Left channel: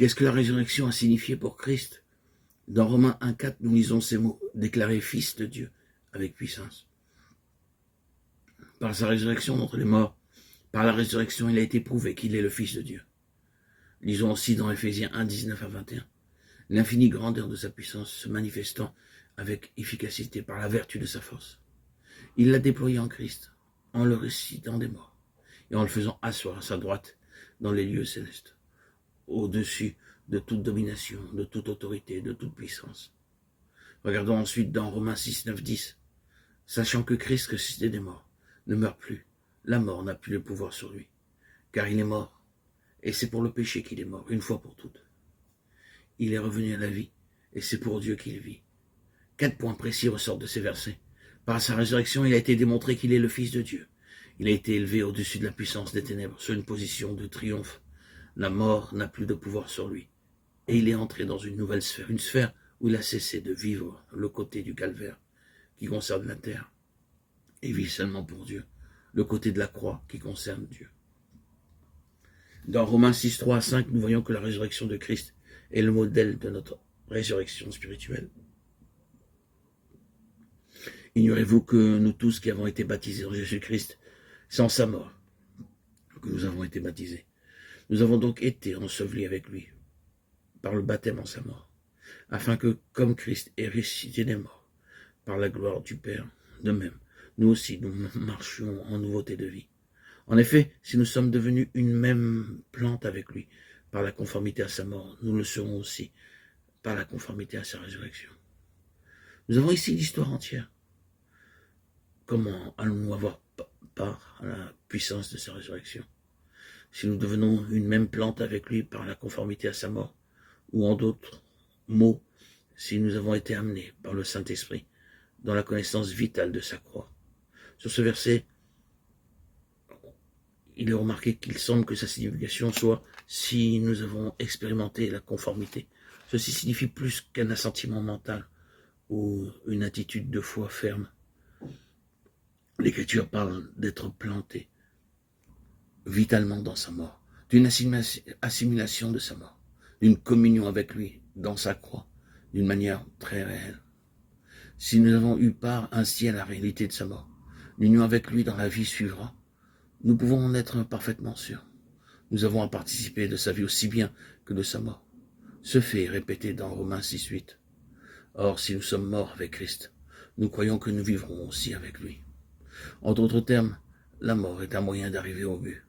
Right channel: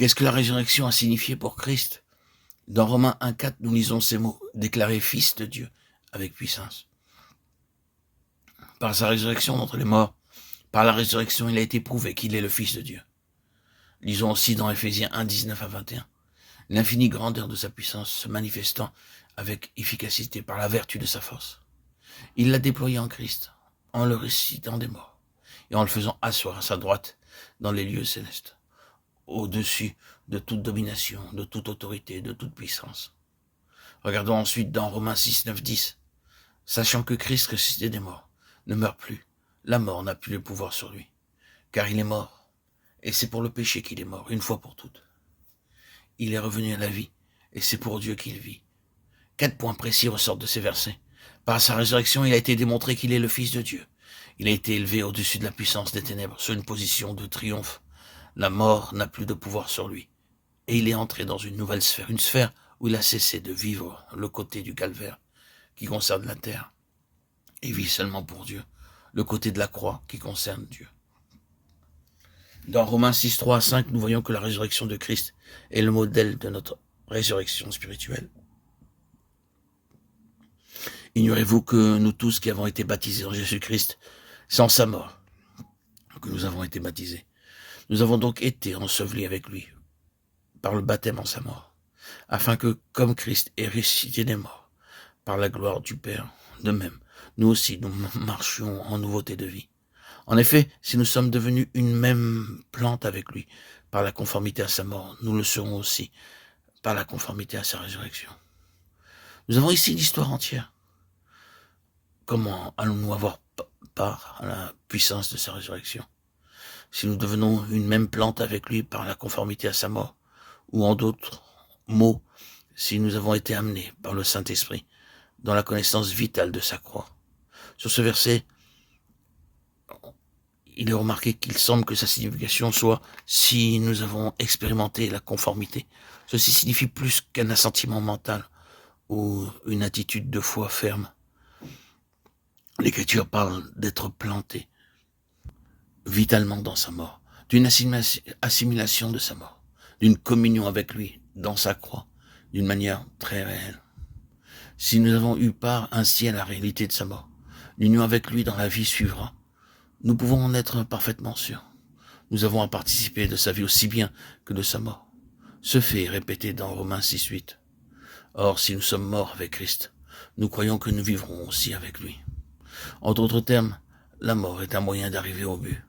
Qu'est-ce que la résurrection a signifié pour Christ? Dans Romains 1,4, nous lisons ces mots, déclaré fils de Dieu avec puissance. Par sa résurrection d'entre les morts, par la résurrection, il a été prouvé qu'il est le Fils de Dieu. Lisons aussi dans Éphésiens 1, 19 à 21. L'infinie grandeur de sa puissance se manifestant avec efficacité par la vertu de sa force. Il l'a déployé en Christ, en le ressuscitant des morts, et en le faisant asseoir à sa droite dans les lieux célestes, au-dessus de toute domination, de toute autorité, de toute puissance. Regardons ensuite dans Romains 6, 9, 10. Sachant que Christ ressuscité des morts ne meurt plus, la mort n'a plus le pouvoir sur lui, car il est mort, et c'est pour le péché qu'il est mort, une fois pour toutes. Il est revenu à la vie, et c'est pour Dieu qu'il vit. 4 points précis ressortent de ces versets. Par sa résurrection, il a été démontré qu'il est le Fils de Dieu. Il a été élevé au-dessus de la puissance des ténèbres, sur une position de triomphe. La mort n'a plus de pouvoir sur lui, et il est entré dans une nouvelle sphère, une sphère où il a cessé de vivre le côté du calvaire, qui concerne la terre, et vit seulement pour Dieu, le côté de la croix qui concerne Dieu. Dans Romains 6, 3 à 5, nous voyons que la résurrection de Christ est le modèle de notre résurrection spirituelle. Ignorez-vous que nous tous qui avons été baptisés en Jésus-Christ, sans sa mort, que nous avons été baptisés, nous avons donc été ensevelis avec lui par le baptême en sa mort, afin que, comme Christ est ressuscité des morts, par la gloire du Père, de même, nous aussi, nous marchions en nouveauté de vie. En effet, si nous sommes devenus une même plante avec lui, par la conformité à sa mort, nous le serons aussi par la conformité à sa résurrection. Nous avons ici l'histoire entière. Comment allons-nous avoir part à la puissance de sa résurrection? Si nous devenons une même plante avec lui par la conformité à sa mort, ou en d'autres mots, si nous avons été amenés par le Saint-Esprit dans la connaissance vitale de sa croix. Sur ce verset, il est remarqué qu'il semble que sa signification soit « si nous avons expérimenté la conformité ». Ceci signifie plus qu'un assentiment mental ou une attitude de foi ferme. L'Écriture parle d'être planté vitalement dans sa mort, d'une assimilation de sa mort, d'une communion avec lui dans sa croix, d'une manière très réelle. Si nous avons eu part ainsi à la réalité de sa mort, l'union avec lui dans la vie suivra, nous pouvons en être parfaitement sûrs. Nous avons à participer de sa vie aussi bien que de sa mort. Ce fait est répété dans Romains 6, 8. Or, si nous sommes morts avec Christ, nous croyons que nous vivrons aussi avec lui. En d'autres termes, la mort est un moyen d'arriver au but.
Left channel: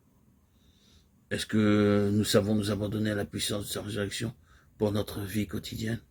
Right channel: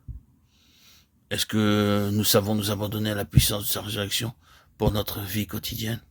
Est-ce que nous savons nous abandonner à la puissance de sa résurrection pour notre vie quotidienne?